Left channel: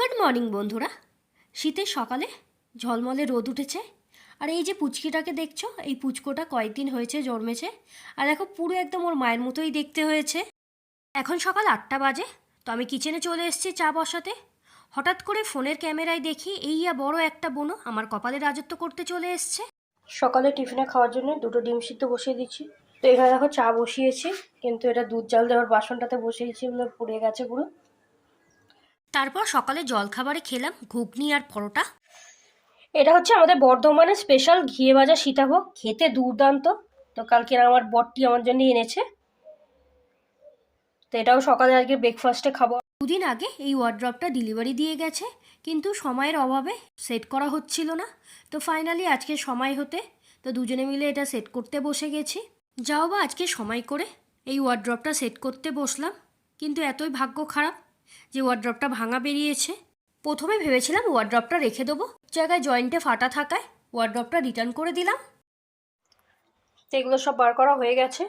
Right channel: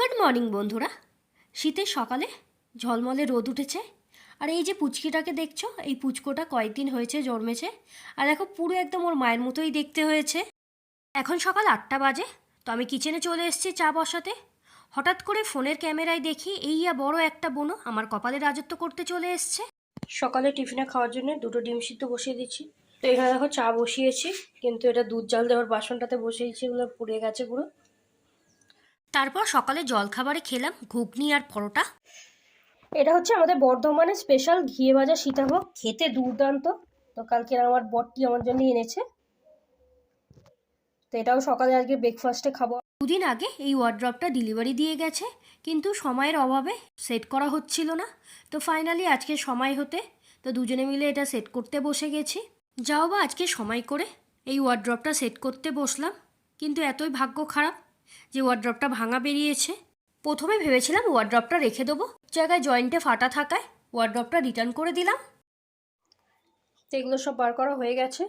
Good morning, বন্ধুরা। শীতের সকালে ঝলমলে রোদ উঠেছে। আর এই যে পুচকিটাকে দেখছ, এই পুচকোটা কয়েকদিন হয়েছে জন্মেছে। আর দেখো, পুরো একদম ওর মায়ের মতোই দেখতে হয়েছে। এখন সকাল আটটা বাজে, তো আমি কিচেনে চলে এসেছি চা বসাতে। হঠাৎ করে ফোনের ক্যামেরায় দেখি, এই ইয়া বড় একটা বোনো আমার কপালে রাজত্ব করতে চলে এসছে। সকালে টিফিনে খাওয়ার জন্য দুটো ডিম সিদ্ধ বসিয়ে দিচ্ছি। তো এখানে দেখো চা বসিয়েছি, কিন্তু এটা দুধ জাল দেওয়ার বাসনটাতে বসিয়েছি ওগুলো পুড়ে গেছে পুরো। তারপর সকালে জলখাবারে খেলাম ঘুগনি আর পরোটা। এটা হচ্ছে আমাদের বর্ধমানের স্পেশাল ঘিয়ে ভাজা সীতাভোগ খেতে দুর্দান্ত। তো কালকে আমার বরটি আমার জন্য এনেছে। তো এটাও সকালে আজকে ব্রেকফাস্টে খাব। দুদিন আগে এই ওয়ার্ড্রপটা ডেলিভারি দিয়ে গেছে কিন্তু সময়ের অভাবে সেট করা হচ্ছিল না। তো ফাইনালি আজকে সময় হতে তো দুজনে মিলে এটা সেট করতে বসে গেছি। যাও বা আজকে সময় করে এই ওয়ার্ড্রপটা সেট করতে বসলাম কিন্তু এতই ভাগ্য খারাপ যে ওয়ার্ড্রপটা ভাঙা বেরিয়েছে। প্রথমে ভেবেছিলাম ওয়ার্ড্রপটা রেখে দেবো। জায়গায় জয়েন্টে ফাটা থাকায় ওয়ার্ড্রপটা রিটার্ন করে দিলাম। এগুলো সব বার করা হয়ে গেছে।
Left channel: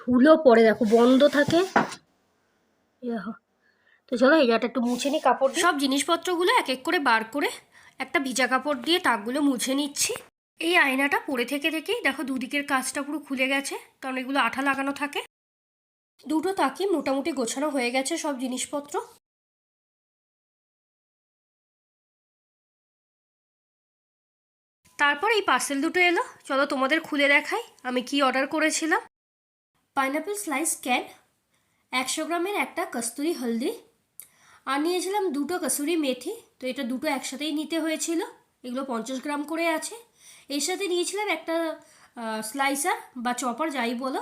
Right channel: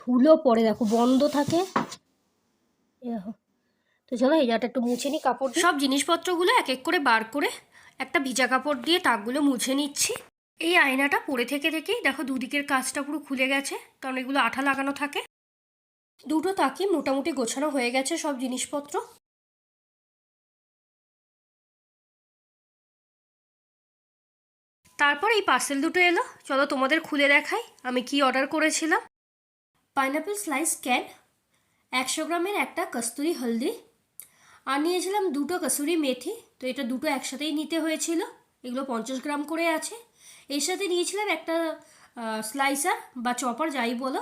ধুলো পরে দেখো, বন্ধ থাকে। তো চলো এই জায়গাটা একটু মুছে নিই, কাপড় সব জিনিসপত্রগুলো এক এক করে বার করে একটা ভিজা কাপড় দিয়ে তাকগুলো মুছে নিচ্ছি। এই আয়নাটা পরে থেকে থেকেই দেখো দুদিকের কাজটা পুরো খুলে গেছে, কারণ এগুলো আঠা লাগানো থাকে। দুটো তাকে মোটামুটি গোছানো হয়ে গেছে সব জিনিসপত্র। তারপর এই পার্সেল দুটো এলো। চলো তোমাদের খুলে দেখাই, আমি কি অর্ডার করেছিলাম। পাইনাপেল স্লাইস ক্যান একশো গ্রামের একটা কস্তুরি হলদি। আর নিয়েছিলাম দুটো কসুরি মেথি, তো এটা দুটো একসাথেই নিতে হয়েছিল। এগুলো পঞ্চাশ গ্রাম করে আছে। এর সাথে নিয়েছিলাম একটা স্লাইসার বা চপার যাই বলো।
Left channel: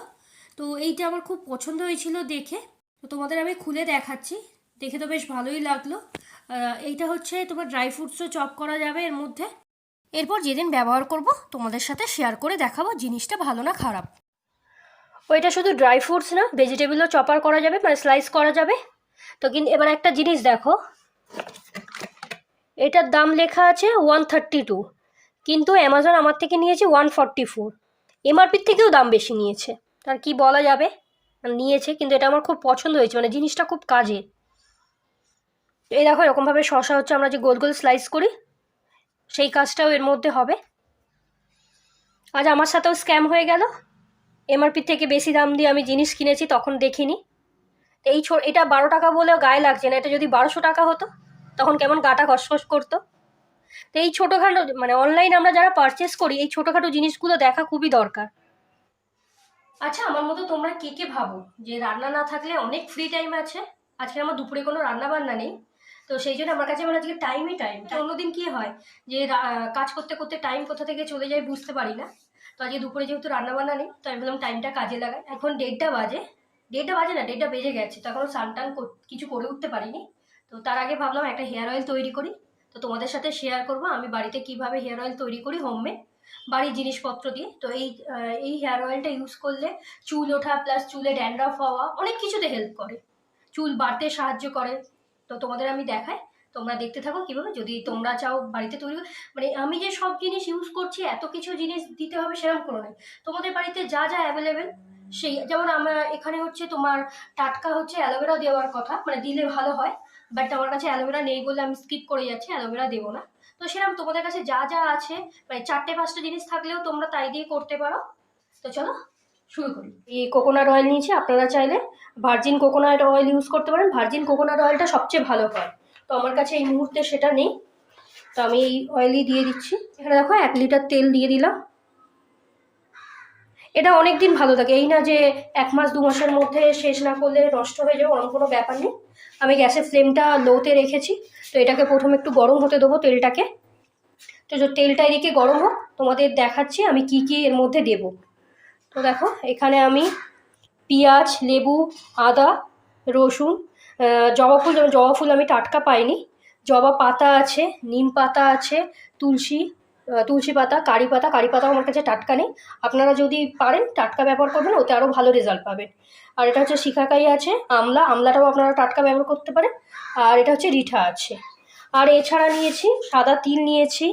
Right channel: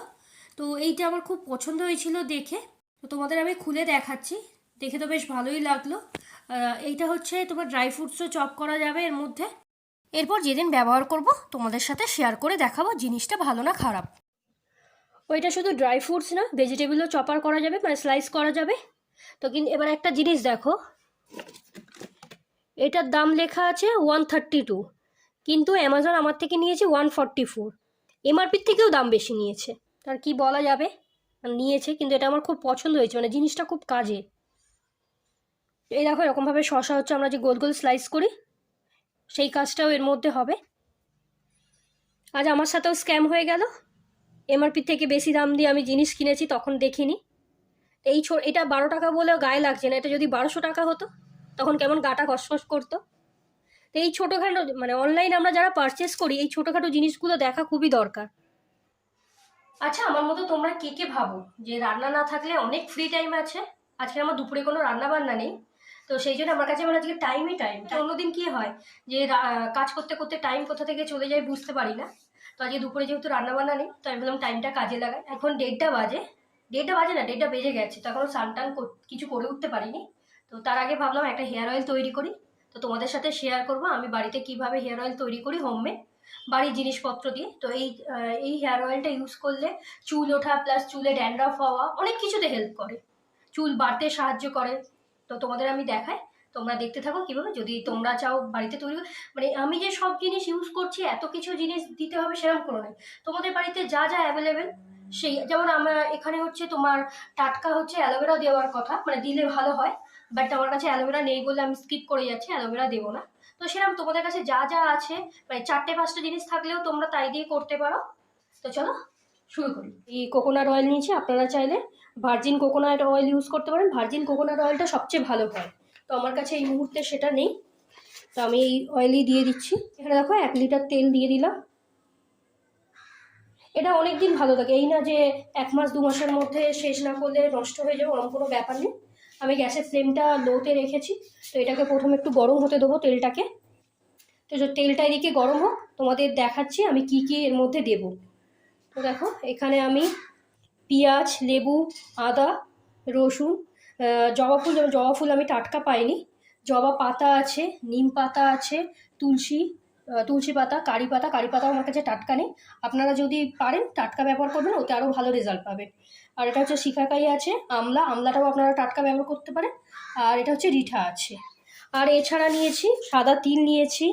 তো এইটা আমার খুব পছন্দ হয়েছিল দেখে। তো তোমাদের আমি খুলে দেখাচ্ছি। দেখে তো বেশ ভালোই লাগল। এইটা হচ্ছে তোমার ড্রাই ফ্রুটসও চপ করা যাবে এর মধ্যে। এরপর যেদিন ব্যবহার করব, তোমাদের সাথে শেয়ার করে দেখাবো জিনিসটা ভালো না খারাপ। ওইটা শুধু ড্রাই ফ্রুটস না ভেজিটেবলও চপার করা যাবে মানে স্লাইস করা যাবে। তো কিন্তু এবার একটা জিনিস দেখো। এটার দাম লেখা আছে ওয়ান থার্টি টু কিন্তু অ্যামাজন আমার থেকে নিয়েছে ওয়ান ফর্টি ফোর এমআরপির থেকেও দাম বেশি নিয়েছে। তার কি বলা যাবে? নিয়েছে, কিন্তু এটা আমার খুব পছন্দ হয়েছে মানে জিনিসটা খুব কাজের এই দেখো, এরকমভাবে শশা হচ্ছে, আমরা যে গোল গোল স্লাইস করি, সেই কাজটাও এর মধ্যে হবে। আজ আমার সাথেও স্ক্যাম হয়ে গেল। এমআরপির থেকে বেশি দাম দিয়ে আমি জিনিস কিনেছি, তখন দেখিনি। এই ছো, এটা বারো টাকা বলেও গায়ে লাগছে না, এটা যদি বারোশো টাকা হতো, তখন কেমন গাটা কসকস করতো। তো এই ছোটোখাটো মানে অনলাইন আমরা যারা পারচেস করি, এই ছোটোখাটো জিনিসগুলো দেখা খুবই দরকার। আচ্ছা আমার মতো তোমরা কে কে ভাবো? যে রান্না না থাকলে অনেক ফ্রি টাইম আছে। আজকে আমার দুপুরে কোনো রান্না বান্না নেই। তো সেই জন্য আমার কাছে মানে আজকে টাইমই টাইম অন্যদিন কি হয়? যে কাজ করতে করতে টাইম কোথা থেকে চলে যায় বুঝতে পারি না। তো আজকে দুপুরে যেহেতু রান্না বান্না নেই, তো আমি বললাম টাইমটা কাজে লাগাই। এখন দেড়টা বাজে। দেড়টা বাজে না, দেড়টা বেজে গেছে। তো এখনও স্নান টান কিছু করে উঠতে পারিনি। তো তার আগে ভাবলাম একটা হেয়ার অয়েল তৈরি করি। তো তোমাদের সাথে শেয়ার করব, আমি বাড়িতে কীভাবে হেয়ার অয়েল তৈরি করি হোমমেড বাড়ির জিনিসপত্র দিয়ে। তো এই এই হেয়ার অয়েলটা ইউজ করলে চুল ওঠা প্লাস চুলে ড্যান্ড্রাফ হওয়া অনেক কিছুতে হেল্প করে। চুল বাড়তে সাহায্য করে। তো তোমাদের আমি দেখাই। তোমরা দেখতে থাকো কীভাবে। যদি তোমরা চাও বাড়িতে তৈরি মানে আমি যে সব জিনিস ইউজ করছি, এত কিছু জিনিস দিতে হবে সেরকম কোনো নেই। তোমাদের বাড়িতে যা যা অ্যাভেলেবেল সেই, যেমন আমার এখানে হচ্ছে তোমার টাটকা হচ্ছে অ্যালোভেরা দেওয়ার কথা মানে দিলে ভালো হয়। বাট আমার কাছে অ্যালোভেরা নেই বলে আমি স্কিপ করে যাচ্ছি, অ্যালোভেরা দেবো না। তো সেরকম তোমাদের কাছে যা যা আছে মানে চারটে পাঁচটা জিনিস থাকলেও তোমরা তাই দিয়ে করতে পারো। তো চলো, শুরু করি। এই কোকোনাট অয়েল নিয়েছি, আপনারা চাইলে ভার্জিন কোকোনাট অয়েল ইউজ করতে পারেন। ভার্জিন কোকোনাট অয়েলটা সবচেয়ে ভালো হয়। তো আমার কাছে এই মুহূর্তে সেটা নেই। তো আমি এই অয়েলই দিয়ে দিচ্ছি। এখানে দেখো এক লিটার তেল দিয়ে দিলাম। এটা অনেক দিন ভালো থাকে। এই না যে এক মাস, দু মাসের মধ্যে শেষ না করলে নষ্ট হয়ে যাবে, ওরকম কোনো ব্যাপার নেই। আমি গ্যাসের ফ্লেমটা লোতে রেখেছি, তো এটাকে প্রথমে একটু গরম হতে দেবো তেলটাকে। তো তেলটা এদিকে গরম হোক, তোমাদের দেখাচ্ছি আমি কি কি এর মধ্যে দেব। তো দেখো, এখানে আমি পেঁয়াজ, লেবু, আদা, রসুন জবা ফুল জবা ফুল আমি টাটকা পাইনি। জবা পাতা আছে, নিম পাতা আছে, তুলসী তুলসী পাতা, কারি পাতা, কারি পাতাও আমার কাছে টাটকা নেই। আপনারা যদি পারেন, টাটকা ব্যবহার করবেন, ওতে আরও ভালো রেজাল্ট পাবেন। আর এটা হচ্ছে শিখাকাই আছে, আমলা, আমলাটাও আপনারা টাটকা ব্যবহার করতে পারেন। আর এটা হচ্ছে রিঠা আছে। আর এছাড়া নিয়েছি, সাদা তিল নিয়েছি,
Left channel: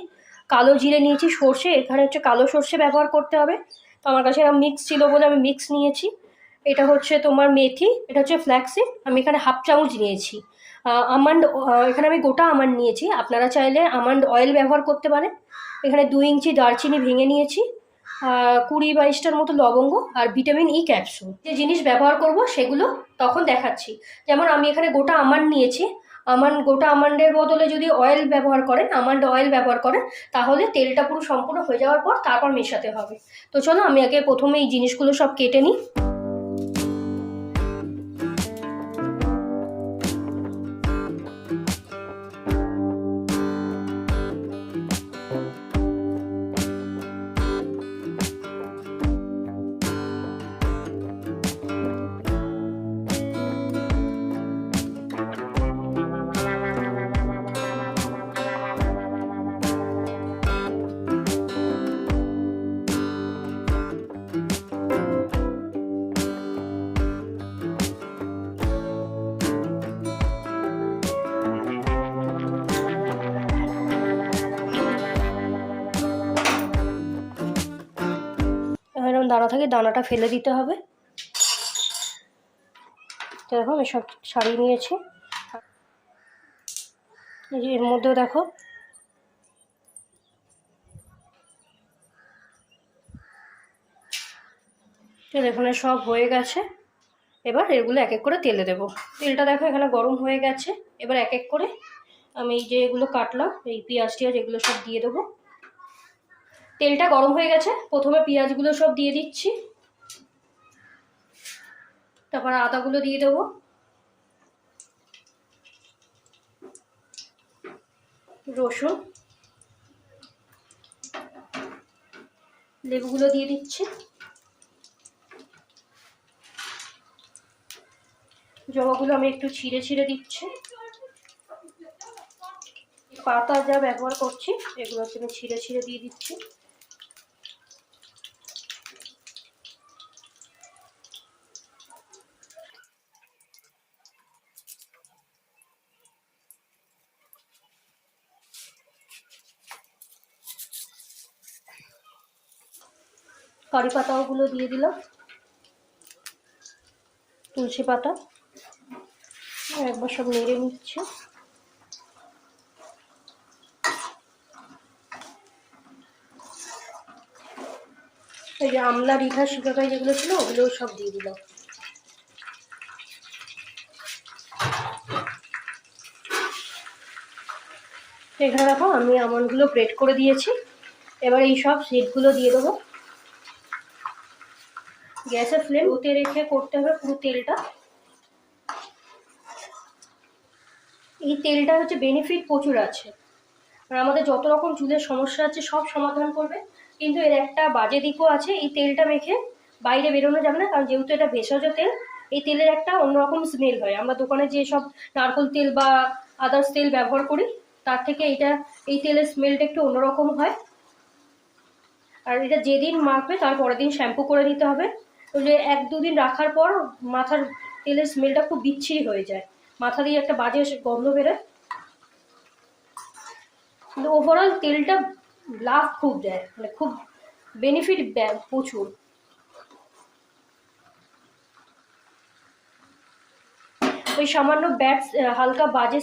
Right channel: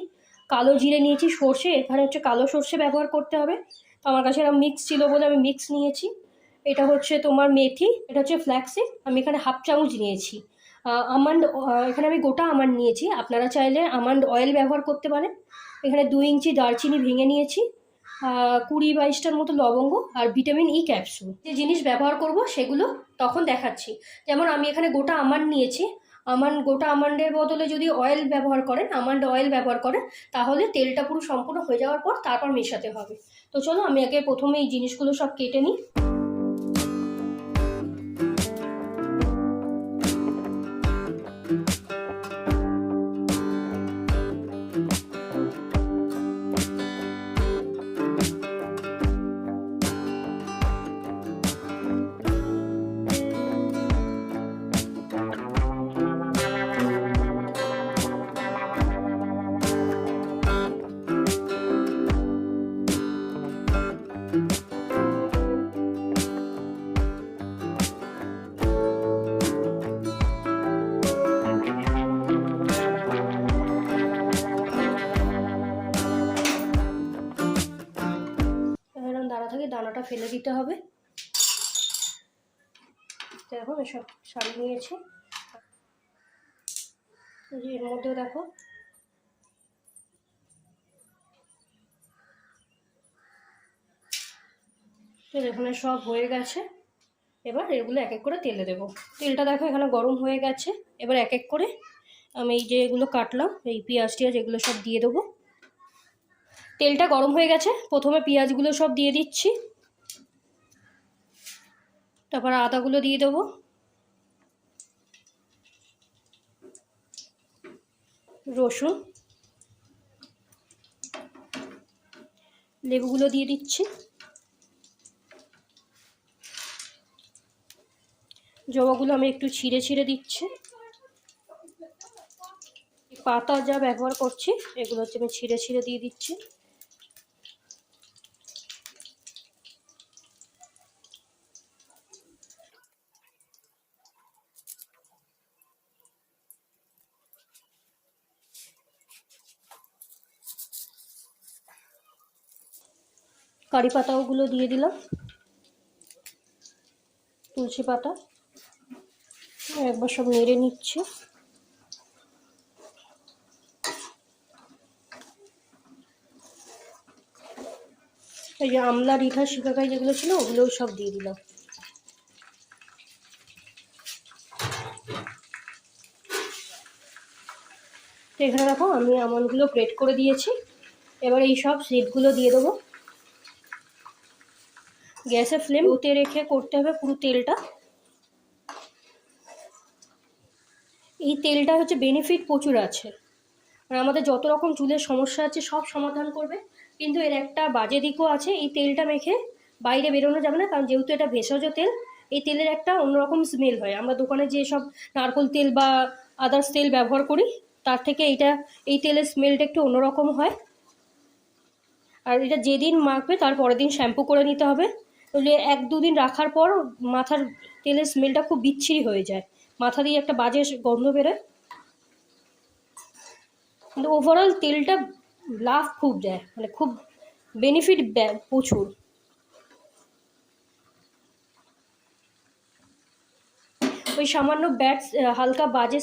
কালো জিরে নিয়েছি, সর্ষে, এখানে হচ্ছে কালো সর্ষে ব্যবহার করতে হবে। তো আমার কাছে এরকম মিক্স ছিল বলে আমি মিক্স নিয়েছি। এটা হচ্ছে তোমার মেথি, এটা হচ্ছে ফ্ল্যাক্সিড আমি এখানে হাফ চামচ নিয়েছি। আমান্ড এখানে আমি গোটা আমান্ড নিয়েছি। আপনারা চাইলে আমান্ড অয়েল ব্যবহার করতে পারেন। এখানে দু ইঞ্চি দারচিনি ভেঙে নিয়েছি কুড়ি বাইশটার মতো লবঙ্গ আর ভিটামিন ই ক্যাপসুল যে জিনিস ব্যবহার করব সেগুলো তখন দেখাচ্ছি। যেমন আমি এখানে গোটা আমান্ড নিয়েছি। আমান্ড, গোটা আমান্ডের বদলে যদি অয়েল ব্যবহার করেন, আমান্ড অয়েল ব্যবহার করেন, তাহলে তেলটা পুরো সম্পূর্ণ হয়ে যাওয়ার পর তারপর মেশাতে হবে। তো চলো আমি আগে প্রথমে এই জিনিসগুলো সব কেটে নিই। দানা থাকে, দানাটা ফেলে দিতে হবে। দেখো আমি সব ছাড়িয়ে নিয়েছি। এর মধ্যেও দেখো। এখানে সব হয়ে গেছে। এবার এগুলো এক এক করে তেলে দেবো। তেলটা দেখো, এখানে গরম হয়ে গেছে। এবার এক এক করে আমি যে এগুলো কাটলাম, এই পেঁয়াজ টিয়াজ এগুলো সব দিয়ে দেবো। তেলটা গরম হয়ে গেছে। প্রথমে পেঁয়াজগুলো সব দিয়ে দিচ্ছি। তারপর আদাগুলো দিয়ে দেবো। রসুন। লেবুগুলো দিয়ে দিচ্ছি। জবাগুলো আমি একটু ছিঁড়ে ছিঁড়ে দিচ্ছি। পাতা যা ব্যবহার করছি এগুলো আমি ছিঁড়ে ছিঁড়ে দিয়ে দিচ্ছি। কারি পাতাগুলো দিয়ে দিলাম। তুলসী পাতা। একবার সব নেড়ে নিচ্ছে। এই যে আমলা রিঠা শিকাকাই যেগুলো ছিল, ওগুলোও সব দিয়ে দিলাম। এখানে দেখো, আমি আমনগুলো গ্রেট করে দিয়েছি। এবার এই সব সিডগুলো দিয়ে দেবো। গ্যাসের ফ্লেম ওতে রেখে করতে হবে পুরো তেলটা। এই তেলটা হচ্ছে বেনিফিট প্রচুর আছে। আর আমাদের যত রকম চুলের সমস্যা আছে, সব সমাধান করবে। কিন্তু এর একটা বাজে দিকও আছে, এই তেলটা মেখে বাইরে বেরোনো যাবে না, কারণ যেহেতু এটা ভেষজ তেল, এই তেলের একটা অন্যরকম স্মেল হয়। আমরা দোকানে যে সব নারকোল তেল বা আদার্স তেল ব্যবহার করি, তার থেকে এটা, এই তেলের স্মেলটা একটু অন্যরকম হয়। আর এটা যেদিন মাখবে, তার পরের দিন শ্যাম্পু করে নিতে হবে। তাহলে এক দুদিন রাখার পর মাথার তেলের স্মেলটা খুব বিচ্ছিরি হয়ে যায়। মাথা দিয়ে একটা বাজে গন্ধ বেরোয়। কিন্তু ওভারঅল তেলটা লাভ খুব দেয় মানে খুব বেনিফিট দেয় প্রচুর। ওই সামান্য ব্যাড হালকা বাজে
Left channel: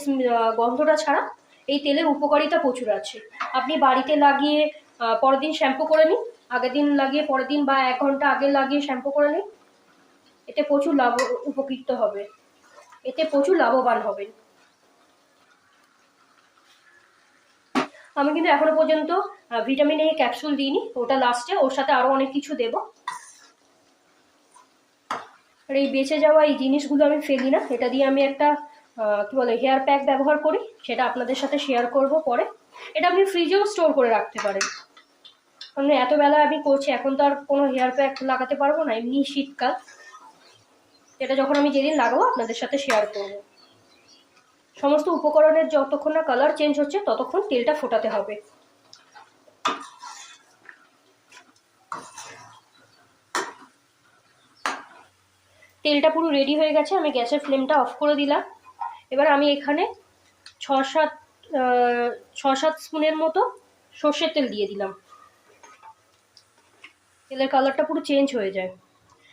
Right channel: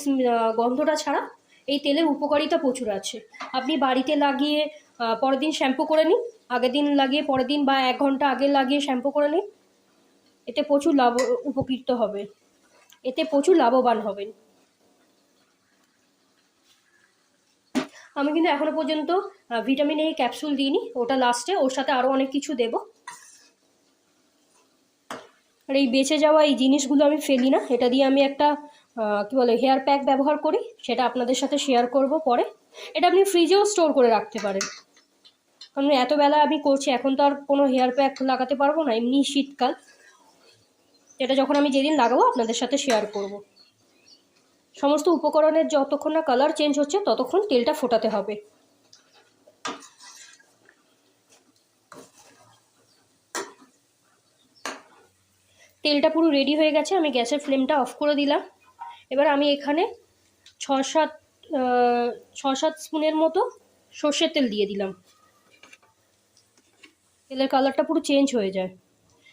গন্ধটা ছাড়া এই তেলের উপকারিতা প্রচুর আছে। আপনি বাড়িতে লাগিয়ে পরের দিন শ্যাম্পু করে নিন। আগের দিন লাগিয়ে, পরের দিন বা এক ঘণ্টা আগে লাগিয়ে শ্যাম্পু করে নিন। এতে প্রচুর লাভ, উপকৃত হবে। এতে প্রচুর লাভবান হবেন। আমি কিন্তু এখনও পর্যন্ত ভিটামিন এ ক্যাপসুল দিইনি। ওটা লাস্টে ওর সাথে আরও অনেক কিছু দেবো। আর এই বেঁচে যাওয়া এই জিনিসগুলো আমি ফেলি না। এটা দিয়ে আমি একটা কি বলে হেয়ার প্যাক ব্যবহার করি। সেটা আপনাদের সাথে শেয়ার করব পরে। এটা আপনি ফ্রিজেও স্টোর করে রাখতে পারেন। কারণ এত বেলা আমি করছি, এখন তো আর কোনো হেয়ার প্যাক লাগাতে পারব না, এমনি শীতকাল। এটা যখন আমি যেদিন লাগাবো, আপনাদের সাথে শেয়ার করব। সমস্ত উপকরণের যতক্ষণ না কালার চেঞ্জ হচ্ছে, ততক্ষণ তেলটা ফোটাতে হবে। তেলটা পুরো রেডি হয়ে গেছে, আমি গ্যাসের ফ্লেমটা অফ করে দিলাম। এবার আমি এখানে ছ সাত ছ সাত স্পুনের মতো সর্ষের তেল দিয়ে দিলাম। তেলের কালারটা পুরো চেঞ্জ হয়ে যায়।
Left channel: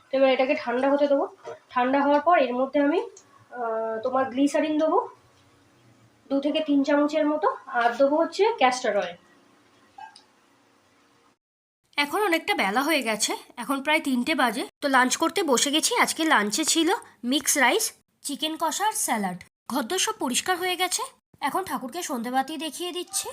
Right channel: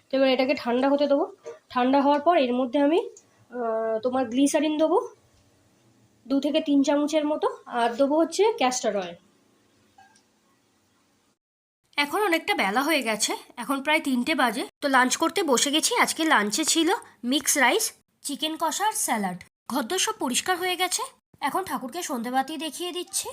তো এবার এটাকে ঠান্ডা হতে দেবো। ঠান্ডা হওয়ার পর এর মধ্যে আমি তোমার গ্লিসারিন দেবো। দু থেকে তিন চামচের মতো। আর দেবো হচ্ছে ক্যাস্টার অয়েল এখন অনেকটা বেলা হয়ে গেছে। এখন প্রায় তিনটে বাজে। তো লাঞ্চ করতে বসে গেছি। আজকে লাঞ্চে ছিল মিক্স রাইস চিকেন কষা আর স্যালাড ঘরদোর সব পরিষ্কার হয়ে গেছে। এখন ঠাকুরকে সন্ধেবাতি দেখিয়ে দিচ্ছি।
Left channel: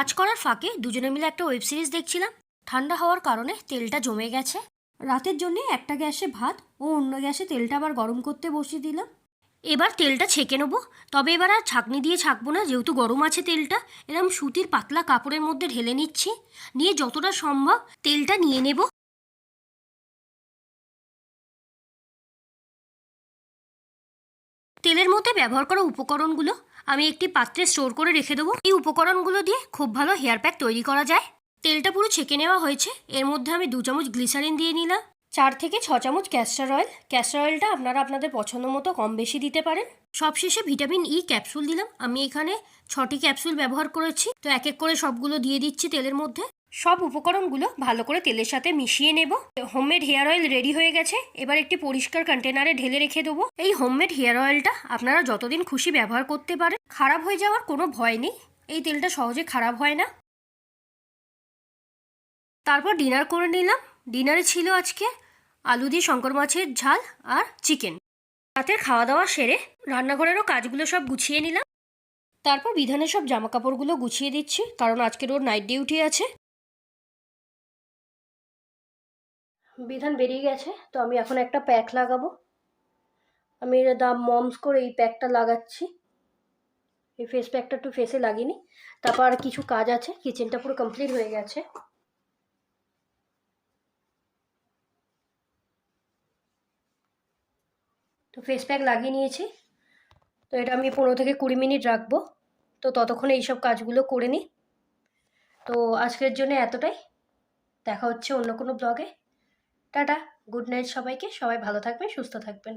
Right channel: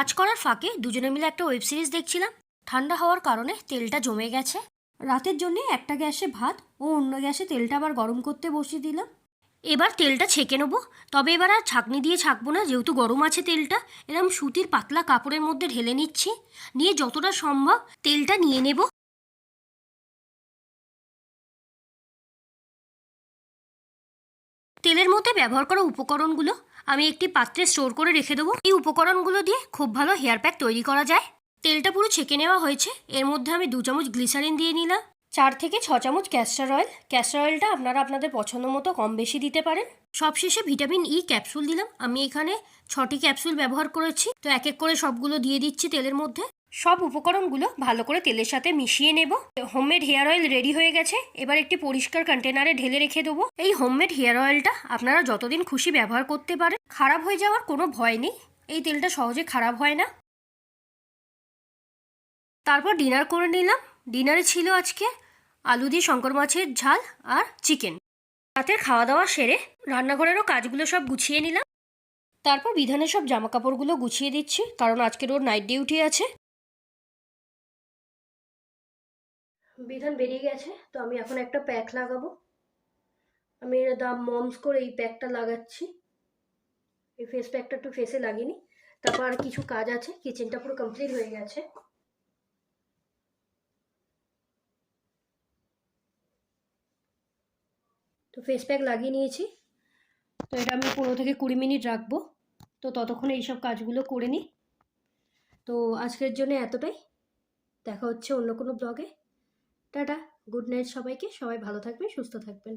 কাজ করার ফাঁকে দুজনে মিলে একটা ওয়েব সিরিজ দেখছিলাম। ঠান্ডা হওয়ার কারণে তেলটা জমে গেছে। রাতের জন্য একটা গ্যাসে ভাত ও অন্য গ্যাসে তেলটা আবার গরম করতে বসিয়ে দিলাম। এবার তেলটা ছেঁকে নেব। তবে এবার আর ছাঁকনি দিয়ে ছাঁকবো না, যেহেতু গরম আছে তেলটা। এরম সুতির পাতলা কাপড়ের মধ্যে ঢেলে নিচ্ছি। নিয়ে যতটা সম্ভব তেলটা নিয়ে নেব। তেলের মধ্যে ব্যবহার করা উপকরণগুলো আমি একটি পাত্রে স্টোর করে রেখে দেবো। এই উপকরণগুলো দিয়ে খুব ভালো হেয়ার প্যাক তৈরি করা যায়। তেলটা পুরো ছেঁকে নেওয়া হয়েছে। এর মধ্যে আমি দু চামচ গ্লিসারিন দিয়ে নিলাম। চার থেকে ছ চামচ ক্যাস্টার অয়েল। ক্যাস্টার অয়েলটা আপনারা আপনাদের পছন্দ মতো কম বেশি দিতে পারেন। সবশেষে ভিটামিন ই ক্যাপসুল দিলাম। আমি এখানে ছটি ক্যাপসুল ব্যবহার করেছি। তো এক এক করে সবগুলো দিয়ে দিচ্ছি তেলের মধ্যে। সব উপকরণগুলো ভালো করে তেলের সাথে মিশিয়ে নেব। হোমমেড হেয়ার অয়েল রেডি হয়ে গেছে। এবার একটি পরিষ্কার কন্টেনারে ঢেলে রেখে দেবো। এই হোমমেড হেয়ার অয়েলটা আপনারা যতদিন খুশি ব্যবহার করতে পারেন। খারাপ হয়ে যাওয়ার কোনো ভয় নেই। এই তেলটা সহজে খারাপ হয় না। তারপর ডিনার করে নিলাম। ডিনারে ছিল আজকে আলু দিয়ে শঙ্কর মাছের ঝাল আর চিকেন। রাতের খাওয়া দাওয়া সেরে রান্নাঘরেরও কাজগুলো সব গুছিয়ে নিলাম। তারপর বিধানের সব জামা কাপড়গুলো গুছিয়ে দিচ্ছি, কারণ আজকের ওর নাইট ডিউটি আছে। বিধান বেরিয়ে গেছে, তো আমি এখন একটা প্যাক লাগাবো। আমি দাম মমস করে এই প্যাকটা লাগাচ্ছি। এই ফেস প্যাকটা একটু ফেসে লাগিনি। তারপর আর কিছু কাজ আছে কিচেনটা পুরো কমপ্লিট হয়ে গেছে। তো ফেস প্যাক লাগিয়ে নিয়েছি। তো এটা আমি পনেরো থেকে কুড়ি মিনিট রাখব। তো ততক্ষণে এইসব কাজগুলো করে নিই তো আজকের জন্য এতটাই। দেখা হচ্ছে অন্য কোনো ব্লগে টাটা গুড নাইট সবাইকে সবাই ভালো থাকবেন সুস্থ থাকবেন।